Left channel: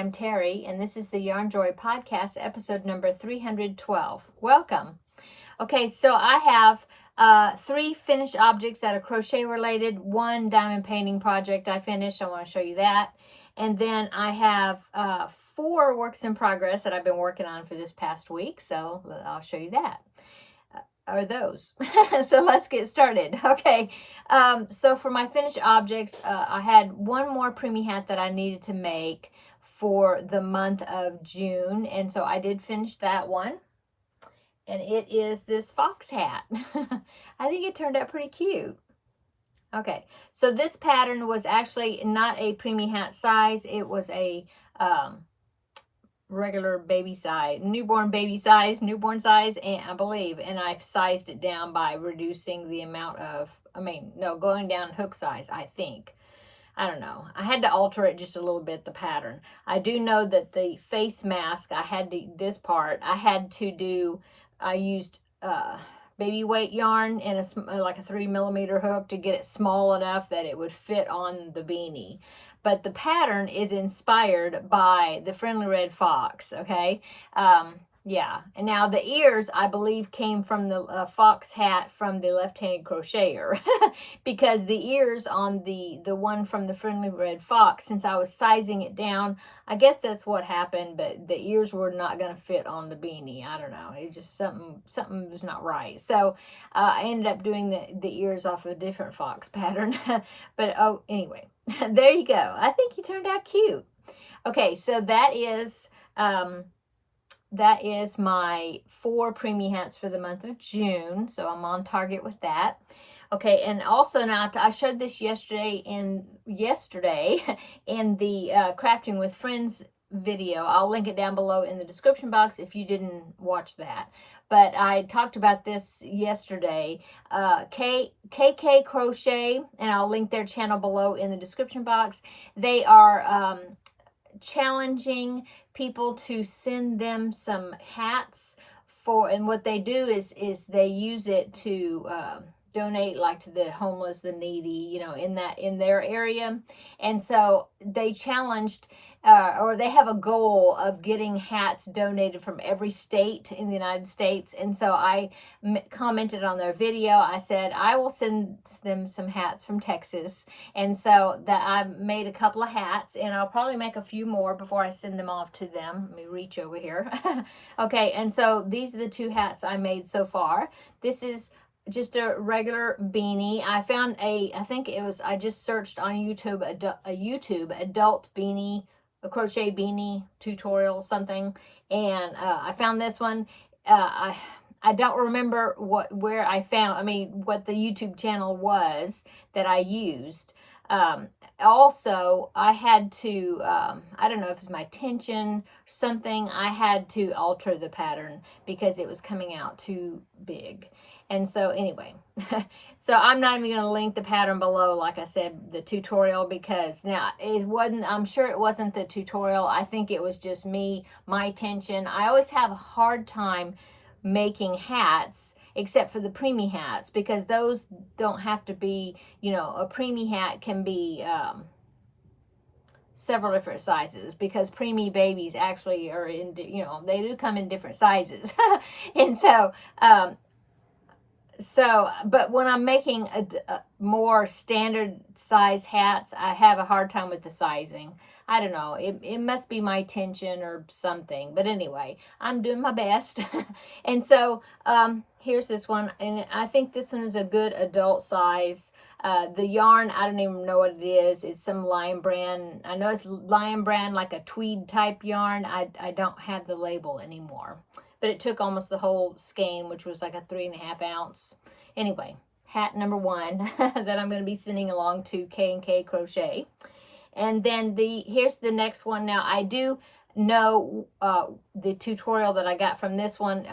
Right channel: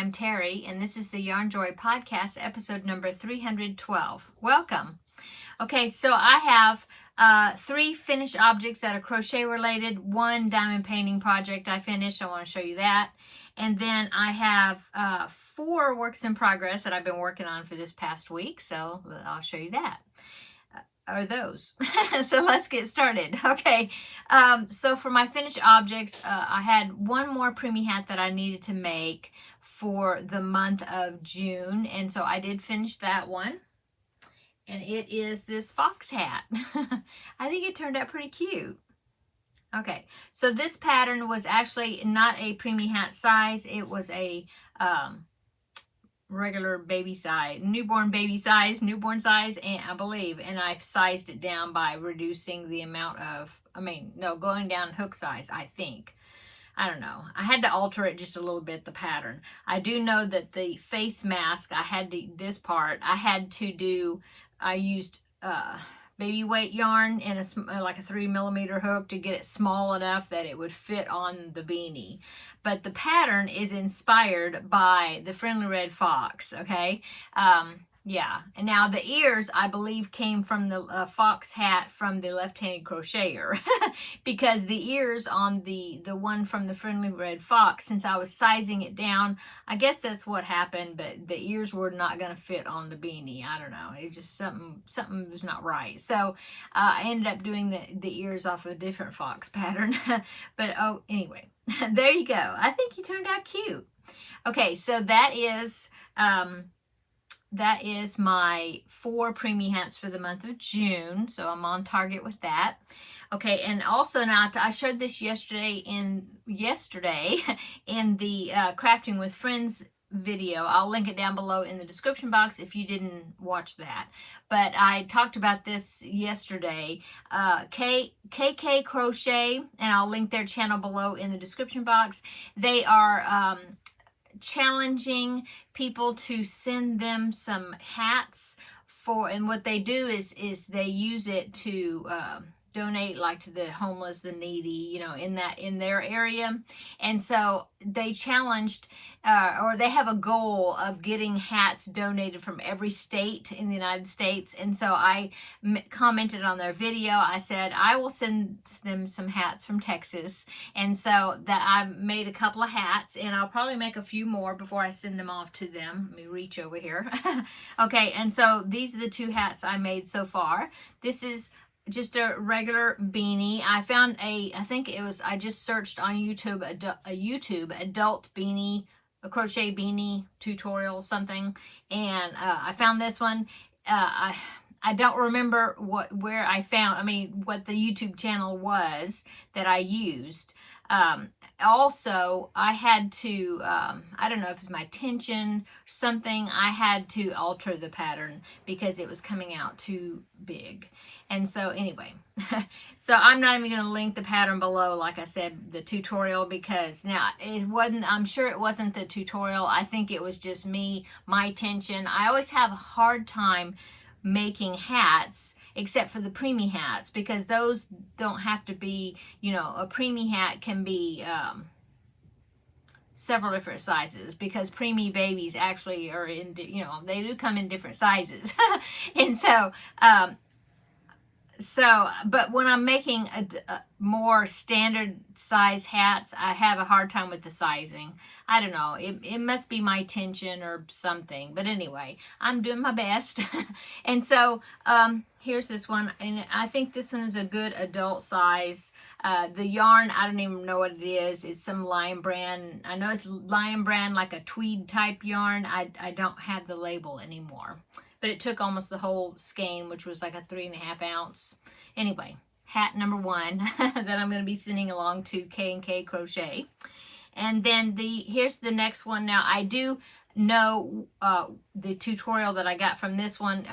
I'm Terry, and this is the Yarn Joy Podcast, episode number 312. Welcome. Okay, so I have 3 finished objects that are crochet related, 1 diamond painting project I finished. I want to show you that. And then I have 4 works in progress that I've been working on for this past week, so I'll show you that. Or those. So let's get started. Okay, so for my finished objects, I had 1 more preemie hat that I needed to make for the month of June, and so I did finish that one, and it is this fox hat. I think it turned out pretty cute. Okay, so this pattern was actually not a preemie hat size. It was a regular baby size, newborn size, and I believe, and I've sized it down by reducing the amount of, going down hook size, I think. I don't know. I had to alter it just a little bit, the pattern. I do know that the face mask, this part, I used baby weight yarn and like a 3mm hook to get it small enough that it would fit on the beanie. But the pattern is inspired by the Friendly Red Fox, okay? Yeah, and now the ears, I believe, came from the fox hat from the left-handed crocheter. Because the ears on the one from the Friendly Red Fox, since I was sizing it down, I guess that's what happened, but the ears were not going to fit on the beanie. I don't know. It just, something was not right. So I ended up doing the ears off a different fox pattern. But, oh, anyway, there you go. I think he turned out cute. Okay, so that is my 4 preemie hats for the month of June. So I'm on target with that. Okay, and also now I showed this yesterday in the Crafting with Friends video. I'll link it down below in the description box if you didn't watch that. But I talked about this yesterday. KK Crochet, and I'll link their channel below in the description box. They are challenging people to send them some hats and what they do is they use it to donate, like, to the homeless, the needy, in their area. And so they challenged or they have a goal of getting hats donated from every state in the United States. And so I commented on their video. I said I will send them some hats from Texas, and so that I made a couple of hats, and I'll probably make a few more before I send them off to them. Let me reach over here. Okay, and so these are the 2 hats I made so far. This is just a regular beanie. I found I just searched on YouTube, a YouTube adult beanie, a crochet beanie tutorial, something, and I found this one. I don't remember what the YouTube channel was that I used. Also, I had to, I don't know if it's my tension, something, I had to alter the pattern because it was coming out too big. And so anyway, so I'm not even going to link the pattern below, like I said, the tutorial, because now I'm sure it wasn't the tutorial. I think it was just my tension. I always have a hard time making hats, except for the preemie hats, because those don't have to be, a preemie hat can be several different sizes, because preemie babies actually are in, they do come in different sizes. And but when I'm making a more standard size hats, I have a hard time with the sizing. I don't know. It must be my tension or something. But anyway, I'm doing my best. And so here's this one. And I think this one is a good adult size. The yarn, I don't even know what it is. It's some Lion Brand. I know it's Lion Brand, like a tweed type yarn. I don't have the label anymore. But it took almost the whole skein, which was like a 3.5 ounce. Anyway, hat number 1 that I'm going to be sending along to K&K Crochet. And then here's the next one. Now, I do know the tutorial that I got from this one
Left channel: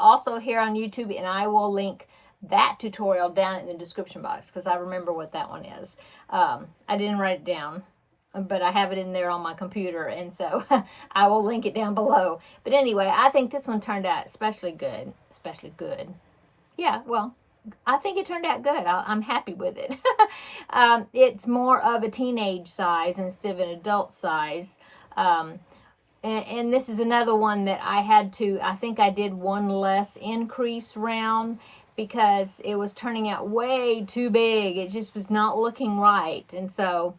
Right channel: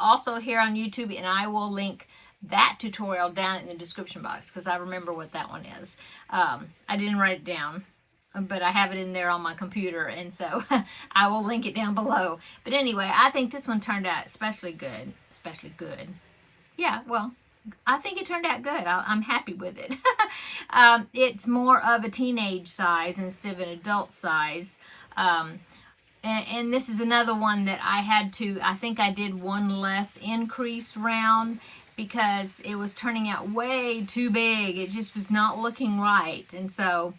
also here on YouTube, and I will link that tutorial down in the description box because I remember what that one is. I didn't write it down, but I have it in there on my computer, and so I will link it down below. But anyway, I think this one turned out especially good. Yeah, well, I think it turned out good. I'm happy with it. It's more of a teenage size instead of an adult size. And this is another one that I had to, I think I did one less increase round because it was turning out way too big. It just was not looking right. And so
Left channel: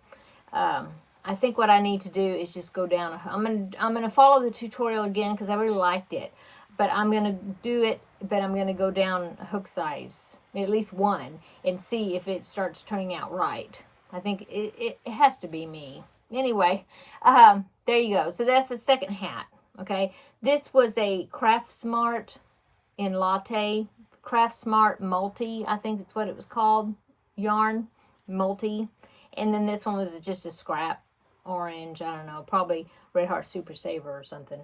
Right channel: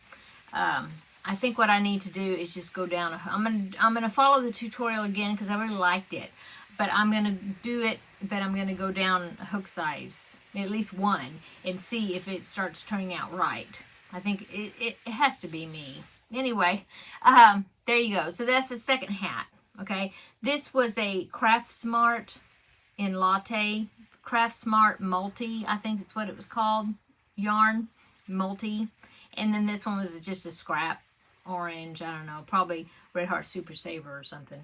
I think what I need to do is just go down. I'm gonna follow the tutorial again because I really liked it. But I'm gonna do it, but I'm gonna go down a hook size, at least one, and see if it starts turning out right. I think it has to be me. Anyway, there you go. So that's the second hat. Okay, this was a Craft Smart in Latte, Craft Smart Multi, I think that's what it was called, yarn multi. And then this one was just a scrap orange, I don't know, probably Red Heart Super Saver or something.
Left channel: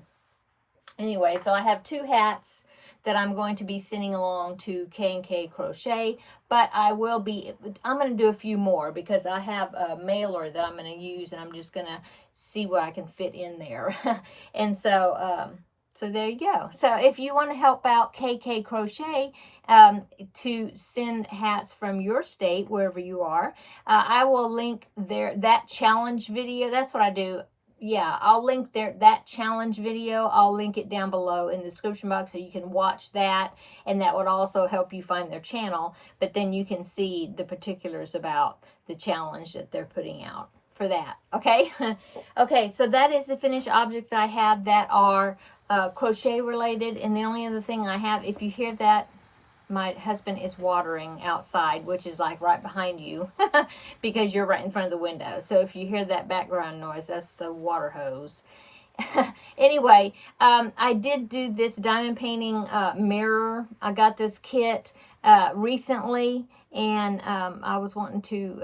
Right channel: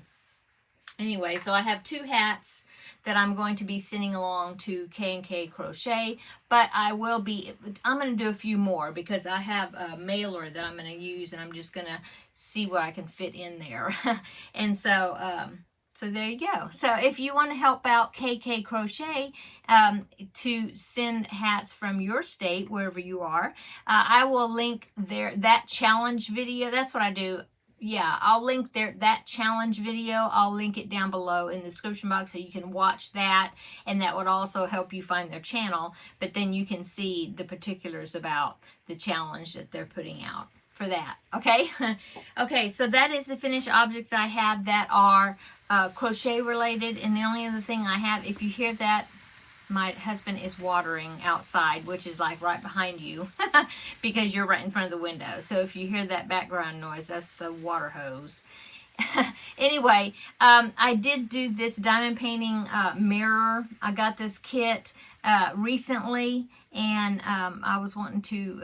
Anyway, so I have 2 hats that I'm going to be sending along to K&K Crochet, but I'm going to do a few more because I have a mailer that I'm going to use, and I'm just going to see what I can fit in there. And so, so there you go. So if you want to help out KK Crochet to send hats from your state, wherever you are, I will link that challenge video. That's what I do. Yeah, I'll link that challenge video. I'll link it down below in the description box so you can watch that, and that would also help you find their channel. But then you can see the particulars about the challenge that they're putting out for that. Okay, okay. So that is the finished objects I have that are crochet related, and the only other thing I have, if you hear that, my husband is watering outside, which is like right behind you because you're right in front of the window. So if you hear that background noise, that's the water hose. Anyway, I did do this diamond painting mirror. I got this kit recently, and I was wanting to,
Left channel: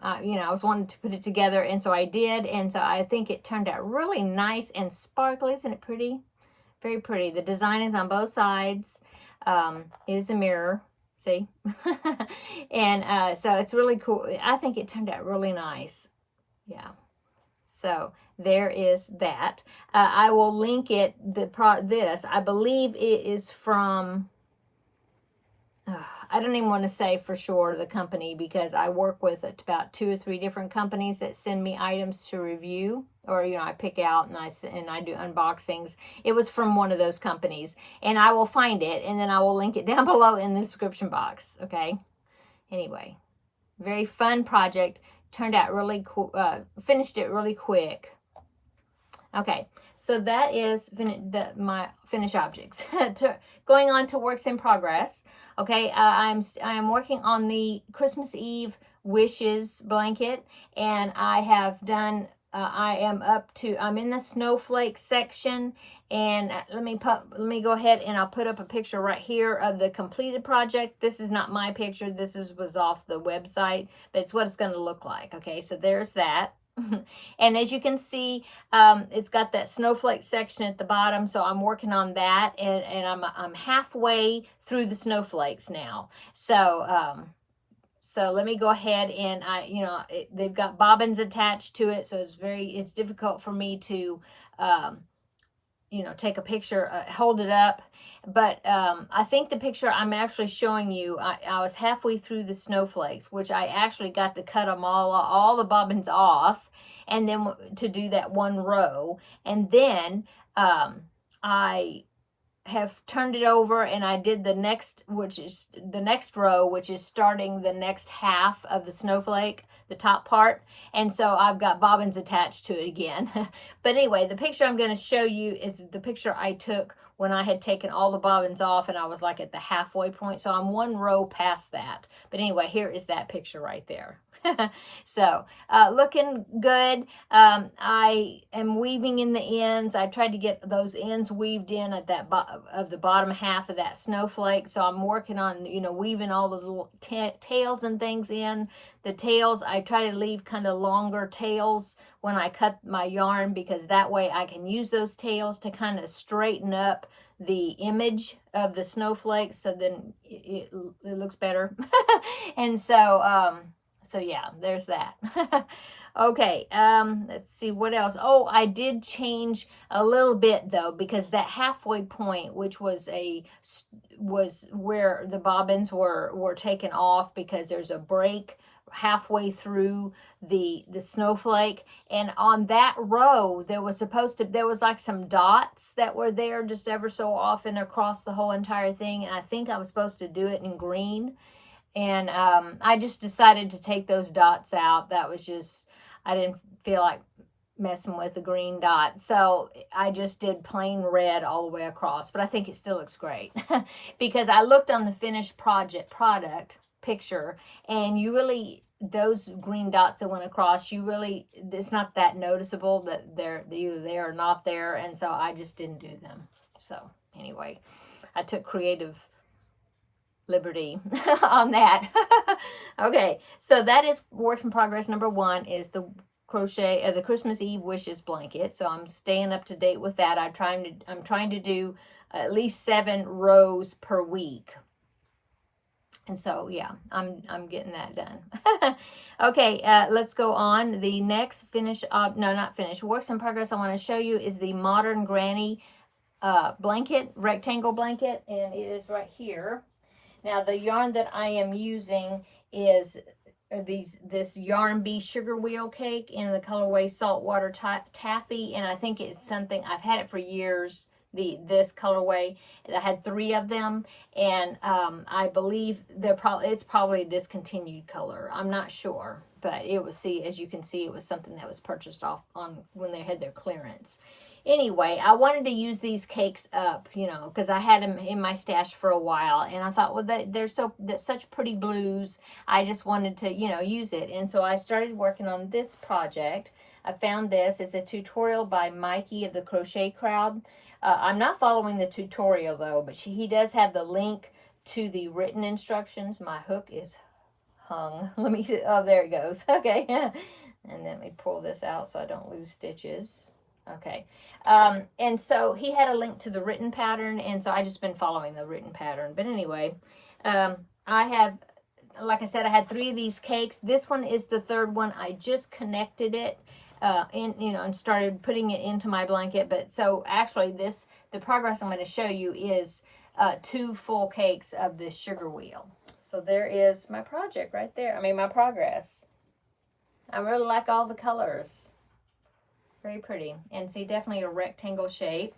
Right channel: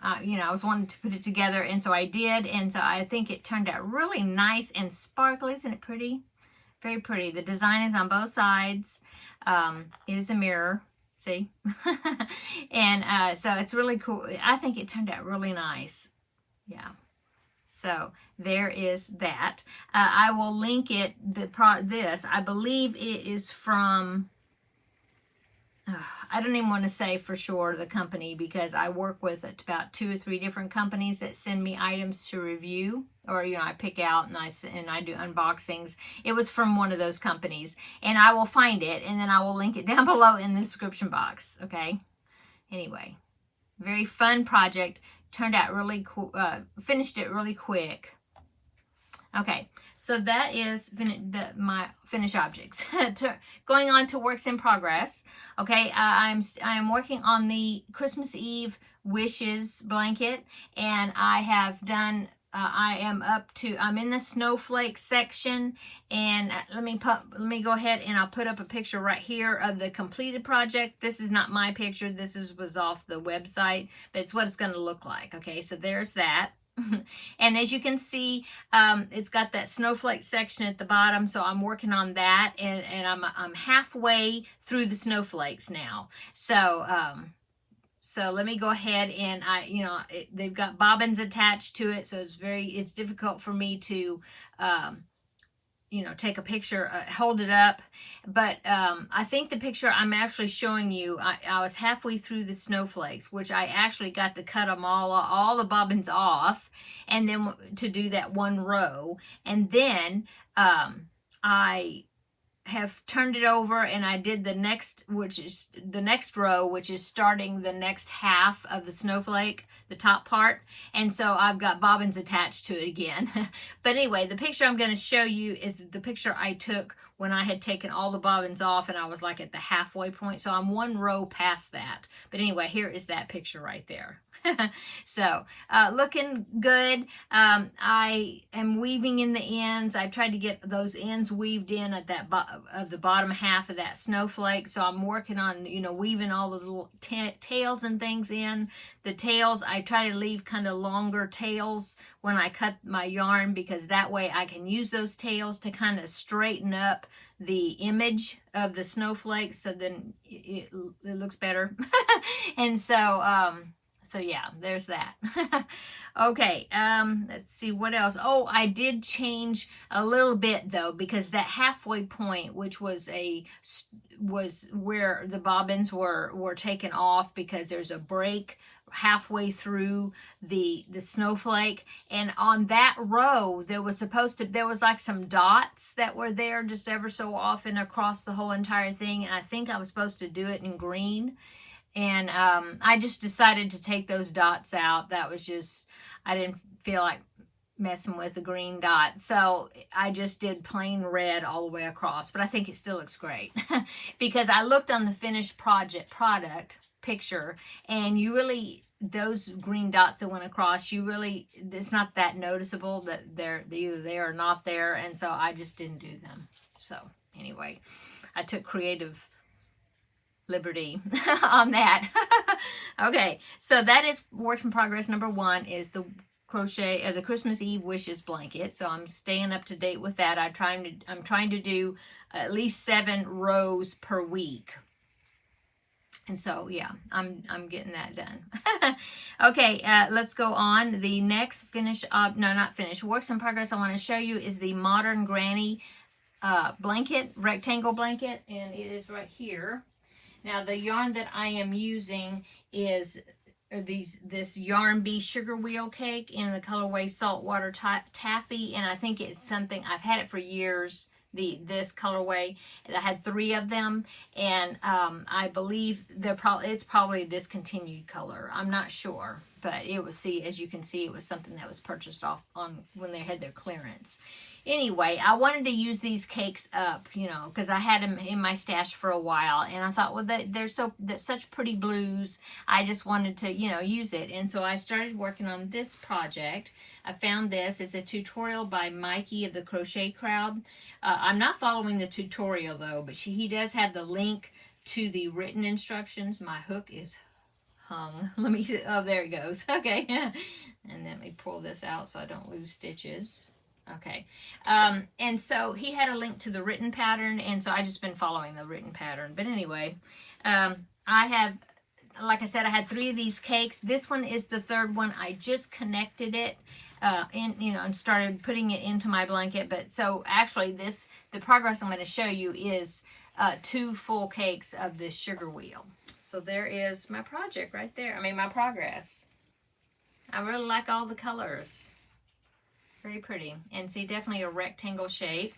I was wanting to put it together, and so I did, and so I think it turned out really nice and sparkly. Isn't it pretty? Very pretty. The design is on both sides. It is a mirror, see? And so it's really cool. I think it turned out really nice. Yeah. So there is that. I will link it, this. I believe it is from, I don't even want to say for sure the company because I work with about 2 or 3 different companies that send me items to review, or I pick out and I do unboxings. It was from one of those companies, and I will find it and then I will link it down below in the description box. Okay. Anyway, very fun project. Turned out really cool. Finished it really quick. Okay, so that is my finished objects. Going on to works in progress. Okay, I am working on the Christmas Eve wishes blanket, and I have done. I'm in the snowflake section, and let me go ahead and I'll put up a picture right here of the completed project. This is not my picture. This was off the website, but it's what it's going to look like. Okay, so there's that. And as you can see, it's got that snowflake section at the bottom, so I'm working on that, and I'm halfway through the snowflakes now. So so let me go ahead and they've got bobbins attached to it, so it's difficult for me to take a picture, hold it up. But I think the picture I'm actually showing you, I was halfway through the snowflakes, which I actually got to cut them all the bobbins off, and then to do that one row. And then I have turned it over and I did the next, which is the next row, which is starting the next half of the snowflake, the top part. And so I've got bobbins attached to it again. But anyway, the picture I'm going to show you is the picture I took when I had taken all the bobbins off and I was like at the halfway point. So I'm one row past that. But anyway, here is that picture right there. So looking good. I am weaving in the ends. I tried to get those ends weaved in at that of the bottom half of that snowflake. So I'm working on weaving all those little tails and things in. The tails, I try to leave kind of longer tails when I cut my yarn, because that way I can use those tails to kind of straighten up the image of the snowflakes, so then it looks better. And so so yeah, there's that. Okay, let's see what else. Oh, I did change a little bit though, because that halfway point, which was where the bobbins were taken off, because there's a break halfway through the snowflake, and on that row there was like some dots that were there just ever so often across the whole entire thing, and I think I was supposed to do it in green, and I just decided to take those dots out. That was just, I didn't feel like messing with the green dot, so I just did plain red all the way across, but I think it still looks great because I looked on the finished product picture, and you really, those green dots that went across, you really, it's not that noticeable that they're either there or not there, and so I just didn't do them. So anyway, I took creative liberty on that. Okay, so that is works in progress. Number 1 is the crochet the Christmas Eve wishes blanket. So I'm staying up to date with that. I'm trying to do at least 7 rows per week. And so yeah, I'm getting that done. Okay, let's go on. The next works in progress I want to show you is the Modern Granny blanket, rectangle blanket, and it is right here. Now the yarn that I am using is this Yarn Bee sugar wheel cake in the colorway Saltwater Taffy, and I think it's something, I've had it for years, this colorway. I had 3 of them, and I believe it's probably a discontinued color. I'm not sure, but it was, as you can see, it was something that was purchased off on when they had their clearance. Anyway, I wanted to use these cakes up, because I had them in my stash for a while, and I thought, well, they're such pretty blues. I just wanted to, use it, and so I started working on this project. I found this. It's a tutorial by Mikey of the Crochet Crowd. I'm not following the tutorial though, but he does have the link to the written instructions. My hook is hung. Let me see. Oh, there it goes. Okay, and then let me pull this out so I don't lose stitches. Okay, and so he had a link to the written pattern, and so I just been following the written pattern. But anyway, I have, like I said, I had 3 of these cakes. This one is the 3rd one. I just connected it and started putting it into my blanket. But so actually the progress I'm going to show you is 2 full cakes of this sugar wheel. So there is my project right there. I mean, my progress. I really like all the colors. Very pretty. And see, definitely a rectangle shape.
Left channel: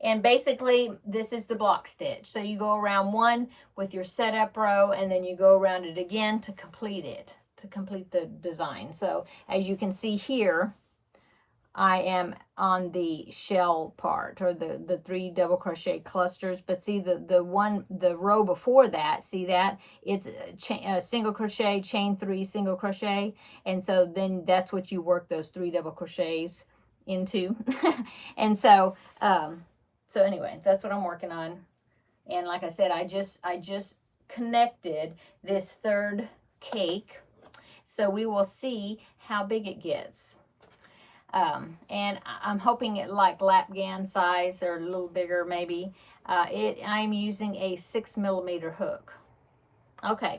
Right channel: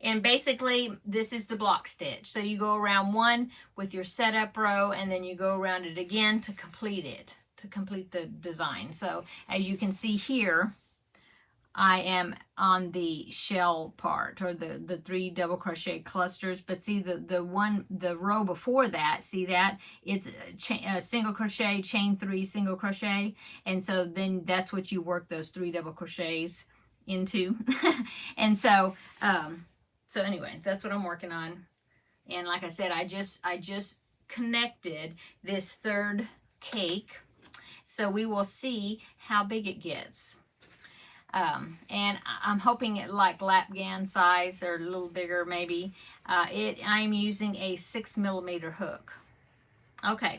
And basically, this is the block stitch. So you go around one with your setup row, and then you go around it again to complete it, to complete the design. So as you can see here, I am on the shell part, or the 3 double crochet clusters. But see the row before that, see that? It's a single crochet, chain 3, single crochet. And so then that's what you work those 3 double crochets into. And so, so anyway, that's what I'm working on. And like I said, I just connected this 3rd cake. So we will see how big it gets. And I'm hoping it like lapgan size or a little bigger maybe. I'm using a 6mm hook. Okay,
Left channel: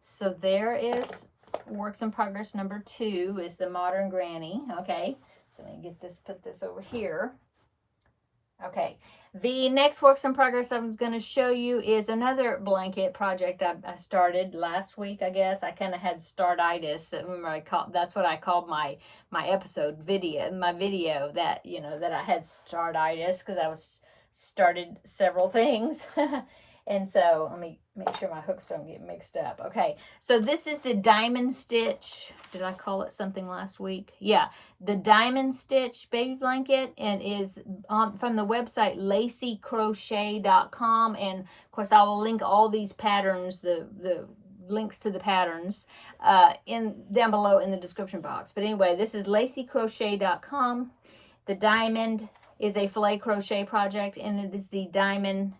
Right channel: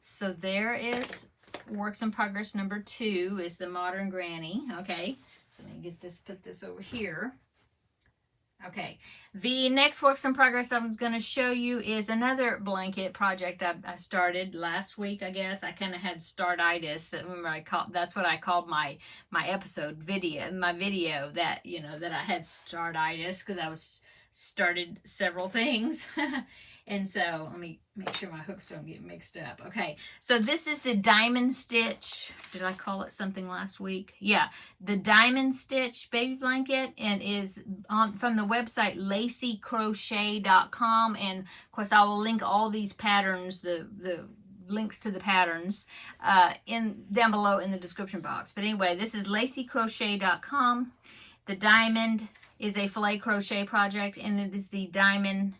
so there is works in progress number 2 is the Modern Granny. Okay, so let me put this over here. Okay, the next works in progress I'm going to show you is another blanket project I started last week, I guess. I kind of had startitis. That's what I called my video that, that I had startitis because I started several things. And so let me make sure my hooks don't get mixed up. Okay, so this is the diamond stitch. Did I call it something last week? Yeah, the diamond stitch baby blanket, and is from the website lacycrochet.com. And of course, I will link all these patterns, the links to the patterns down below in the description box. But anyway, this is lacycrochet.com. The diamond is a filet crochet project, and it is the diamond,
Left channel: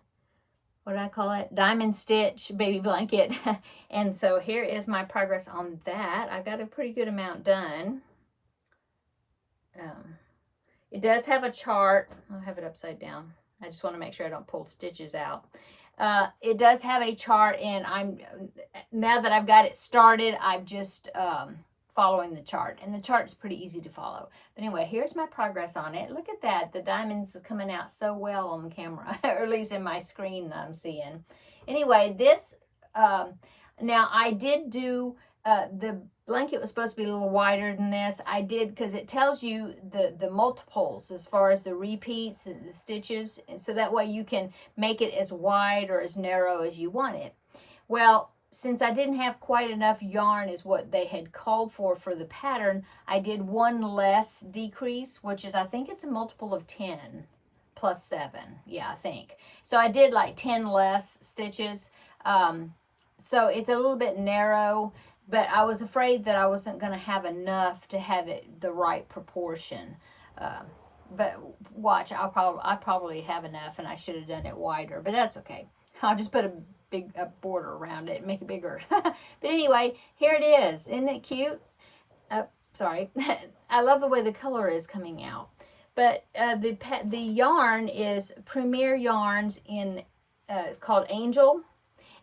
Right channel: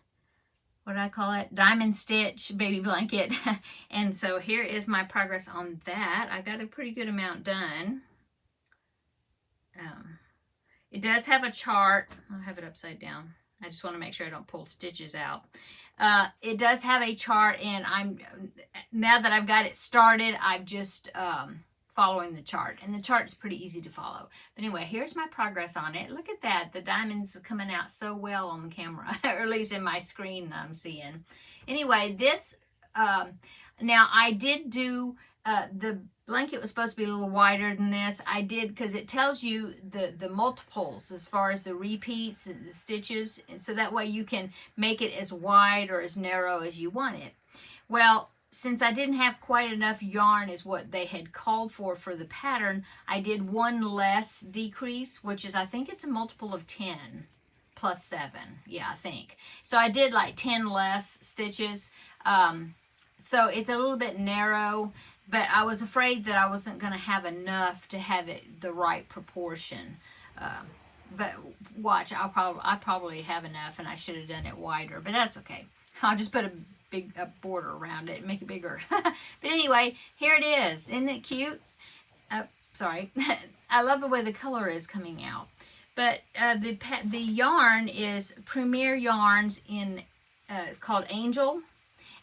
what do I call it? Diamond stitch baby blanket. And so here is my progress on that. I got a pretty good amount done. It does have a chart. I'll have it upside down. I just want to make sure I don't pull stitches out. It does have a chart, and now that I've got it started, I'm just following the chart, and the chart is pretty easy to follow. But anyway, here's my progress on it. Look at that. The diamonds are coming out so well on the camera, or at least in my screen that I'm seeing. Anyway, this, now I did do the blanket was supposed to be a little wider than this. I did, because it tells you the multiples as far as the repeats and the stitches, and so that way you can make it as wide or as narrow as you want it. Well, since I didn't have quite enough yarn is what they had called for the pattern, I did one less decrease, which is, I think it's a multiple of 10 plus 7. Yeah, I think. So I did like 10 less stitches. So it's a little bit narrow, but I was afraid that I wasn't going to have enough to have it the right proportion. But watch, I probably have enough, and I should have done it wider, but that's okay. I'll just put a big border around it and make it bigger. But anyway, here it is. Isn't it cute? Sorry. I love the way the color is coming out. But the yarn is Premier Yarns in, it's called Angel.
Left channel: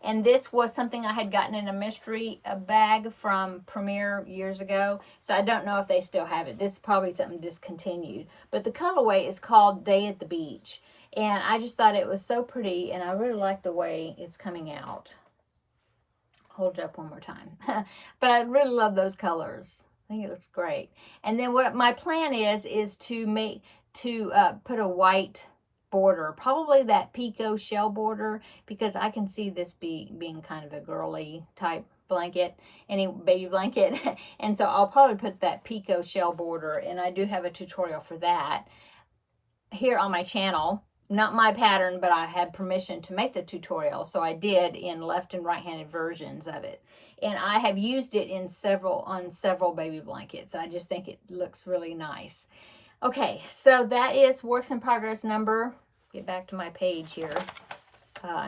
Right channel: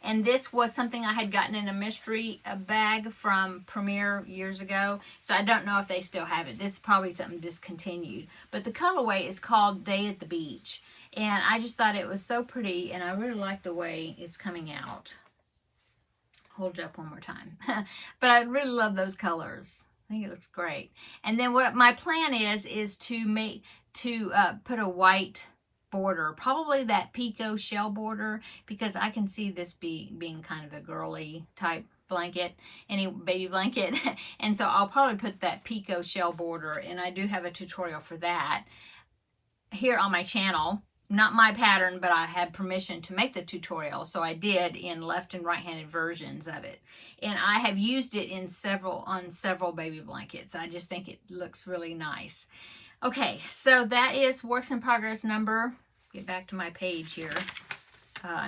And this was something I had gotten in a mystery bag from Premier years ago. So I don't know if they still have it. This is probably something discontinued. But the colorway is called Day at the Beach. And I just thought it was so pretty, and I really like the way it's coming out. Hold it up one more time. But I really love those colors. I think it looks great. And then what my plan is to put a white border, probably that Pico shell border, because I can see this being kind of a girly type blanket, any baby blanket. And so I'll probably put that Pico shell border, and I do have a tutorial for that here on my channel. Not my pattern, but I had permission to make the tutorial, so I did, in left and right-handed versions of it. And I have used it on several baby blankets. I just think it looks really nice. Okay, so that is works in progress number, get back to my page here,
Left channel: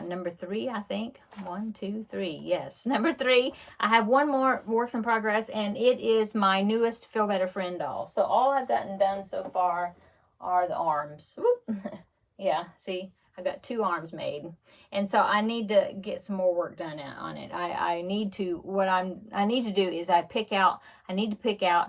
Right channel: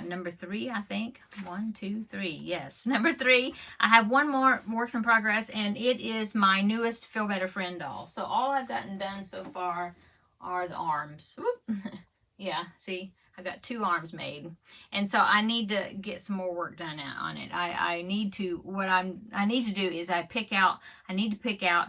number 3, I think. 1, 2, 3. Yes, number 3. I have one more works in progress, and it is my newest Feel Better Friend doll. So all I've gotten done so far are the arms. Yeah, see, I got 2 arms made, and so I need to get some more work done on it. I need to do is I need to pick out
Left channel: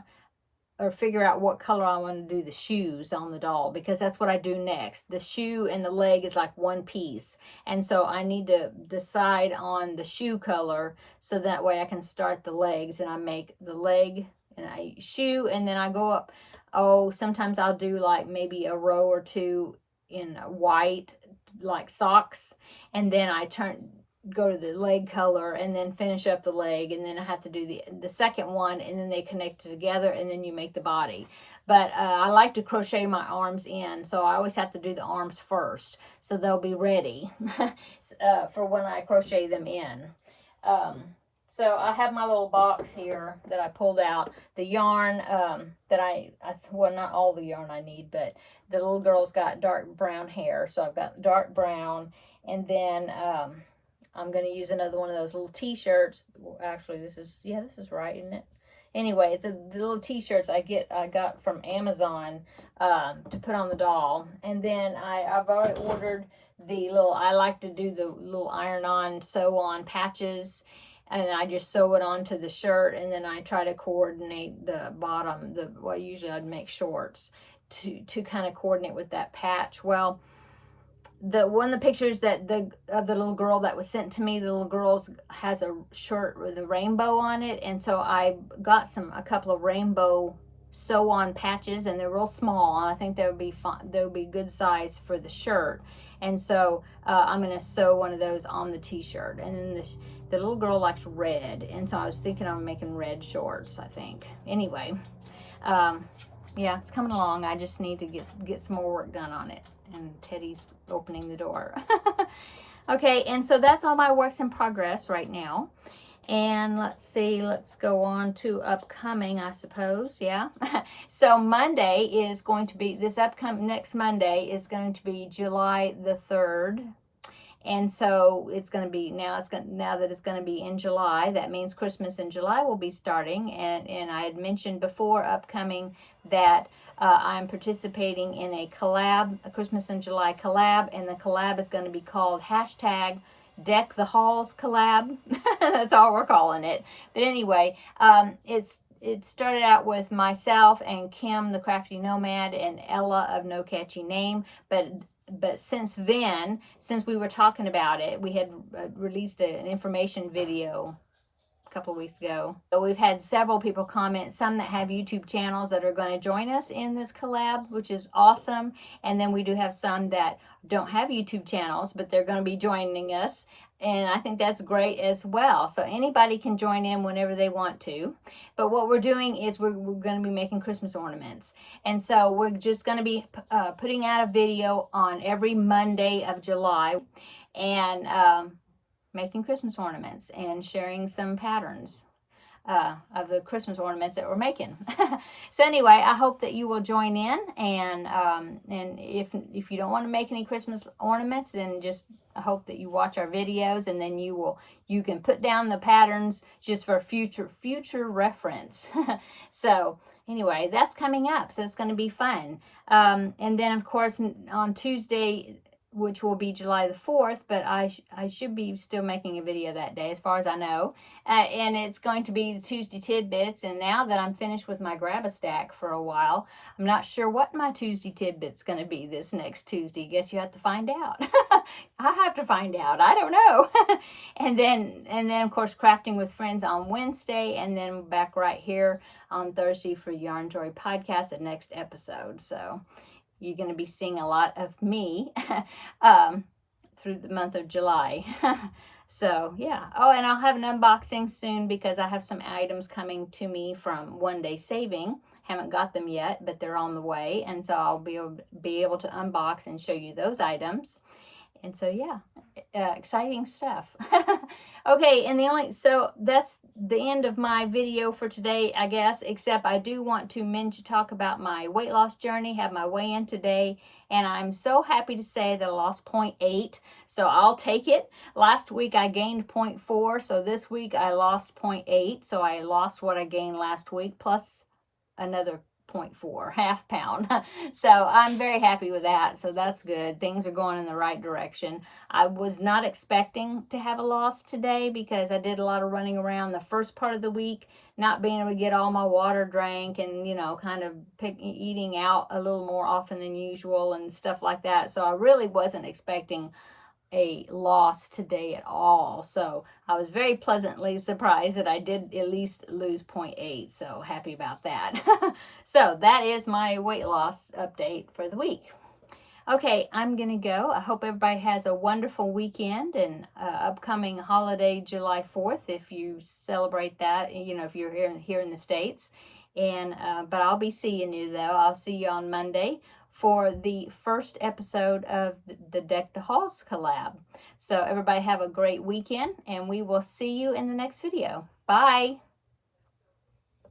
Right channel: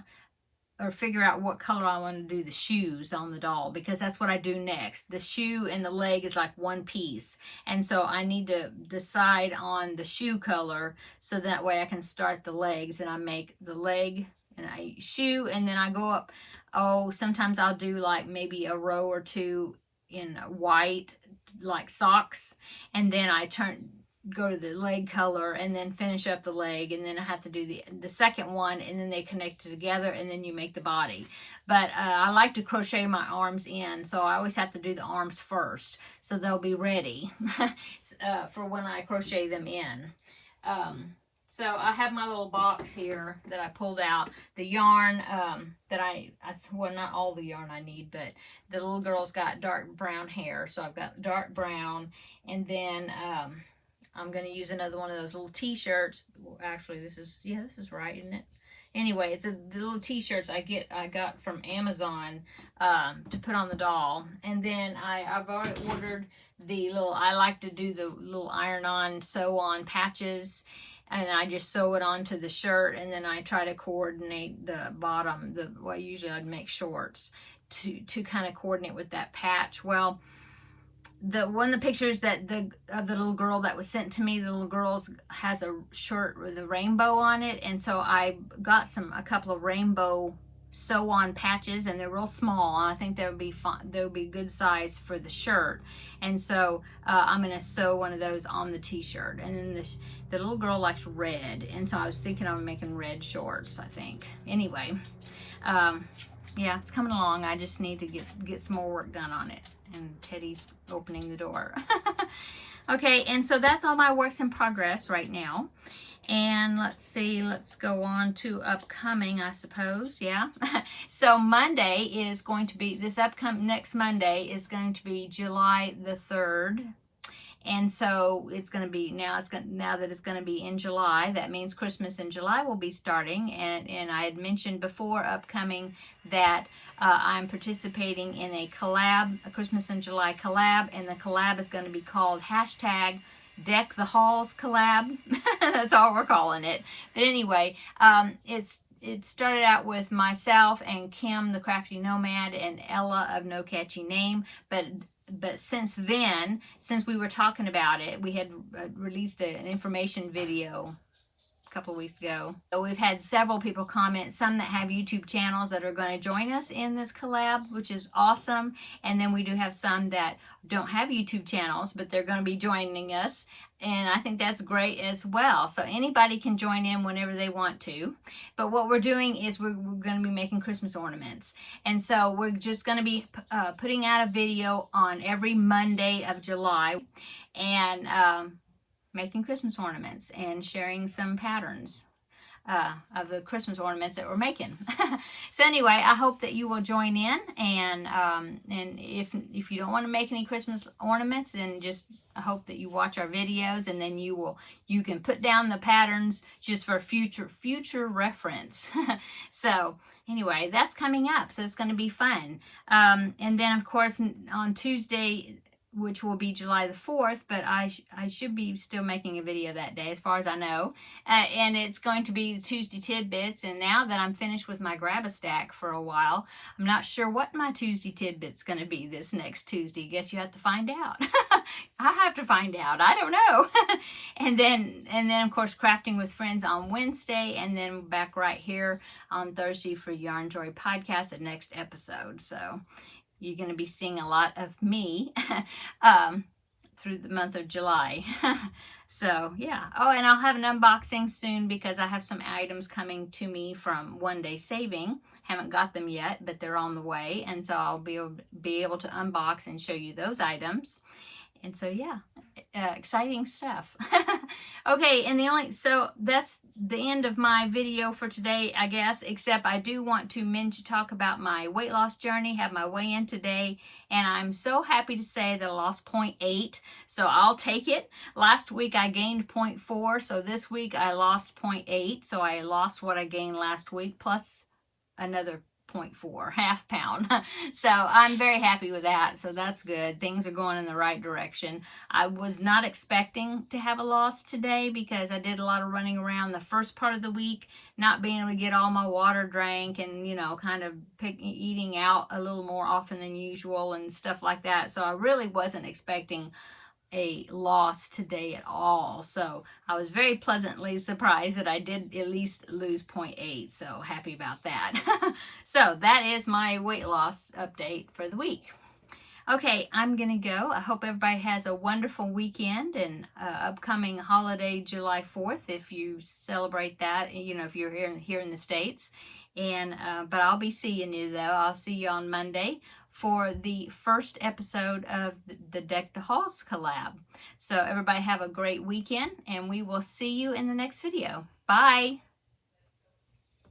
or figure out what color I want to do the shoes on the doll, because that's what I do next. The shoe and the leg is like one piece, and so I need to decide on the shoe color, so that way I can start the legs, and I make the leg and I shoe, and then I go up. Oh, sometimes I'll do like maybe a row or 2 in white, like socks, and then I go to the leg color and then finish up the leg, and then I have to do the second one, and then they connect together, and then you make the body. But I like to crochet my arms in, so I always have to do the arms first, so they'll be ready for when I crochet them in. So I have my little box here that I pulled out. The yarn that well, not all the yarn I need, but the little girl's got dark brown hair. So I've got dark brown, and then I'm going to use another one of those little t-shirts. Actually, this is right, isn't it? Anyway, it's the little t-shirts I got from Amazon to put on the doll. And then I've already ordered I like to do the little iron-on, sew-on patches. And I just sew it onto the shirt, and then I try to coordinate the bottom. Usually I'd make shorts to kind of coordinate with that patch. Well, one of the pictures of the little girl that was sent to me, the little girl has a shirt with a rainbow on it, and so I got a couple of rainbow sew-on patches, and they're real small, and I think they would be fun. They would be good size for the shirt, and so I'm going to sew one of those on the t-shirt. And then the little girl likes red, and so I was thinking I'm making red shorts, I think. Anyway, yeah, it's coming along. I just need to get some more work done on it, and Teddy's opening the door. Okay, and so that's all my works in progress right now. And let's see, let's go on to upcoming, I suppose. Yeah. So Monday is going to be, next Monday is going to be July the 3rd. And so it's going to be, now that it's going to be in July, that means Christmas in July will be starting. And I had mentioned before upcoming that I'm participating in a Christmas in July collab, and the collab is going to be called #Deck the Halls collab. That's all we're calling it. But anyway, it started out with myself and Kim, the Crafty Nomad, and Ella of No Catchy Name. But since then, since we were talking about it, we had released an information video couple of weeks ago. So we've had several people comment, some that have YouTube channels that are going to join us in this collab, which is awesome. And then we do have some that don't have YouTube channels, but they're going to be joining us. And I think that's great as well. So anybody can join in whenever they want to. But what we're doing is we're going to be making Christmas ornaments. And so we're just going to be putting out a video on every Monday of July and making Christmas ornaments and sharing some patterns of the Christmas ornaments that we're making. So anyway, I hope that you will join in, and if you don't want to make any Christmas ornaments, then just I hope that you watch our videos, and then you can put down the patterns just for future reference. So anyway, that's coming up, so it's going to be fun. And then of course on Tuesday, which will be July the 4th, but I should be still making a video that day as far as I know. And it's going to be Tuesday Tidbits, and now that I'm finished with my Grab-A-Stack for a while, I'm not sure what my Tuesday Tidbit's going to be this next Tuesday. Guess you have to find out. I have to find out. I don't know. and then of course Crafting with Friends on Wednesday, and then back right here on Thursday for Yarn Joy Podcast, the next episode. So you're going to be seeing a lot of me through the month of July. So, yeah. Oh, and I'll have an unboxing soon because I have some items coming to me from One Day Saving. Haven't got them yet, but they're on the way. And so I'll be able to unbox and show you those items. And so, yeah, exciting stuff. Okay, and so that's the end of my video for today, I guess, except I do want to talk about my weight loss journey, have my weigh-in today, and I'm so happy to say that I lost 0.8, so I'll take it. Last week I gained 0.4, so this week I lost 0.8, so I lost what I gained last week, plus another 0.4, half pound. So I'm very happy with that. So that's good. Things are going in the right direction. I was not expecting to have a loss today because I did a lot of running around the first part of the week, not being able to get all my water drank, and kind of eating out a little more often than usual and stuff like that. So I really wasn't expecting a loss today at all. So I was very pleasantly surprised that I did at least lose 0.8. So happy about that. So that is my weight loss update for the week. Okay, I'm gonna go. I hope everybody has a wonderful weekend and upcoming holiday July 4th if you celebrate that, if you're here in the States. And but I'll be seeing you though. I'll see you on Monday for the first episode of the Deck the Halls collab. So everybody have a great weekend, and we will see you in the next video. Bye!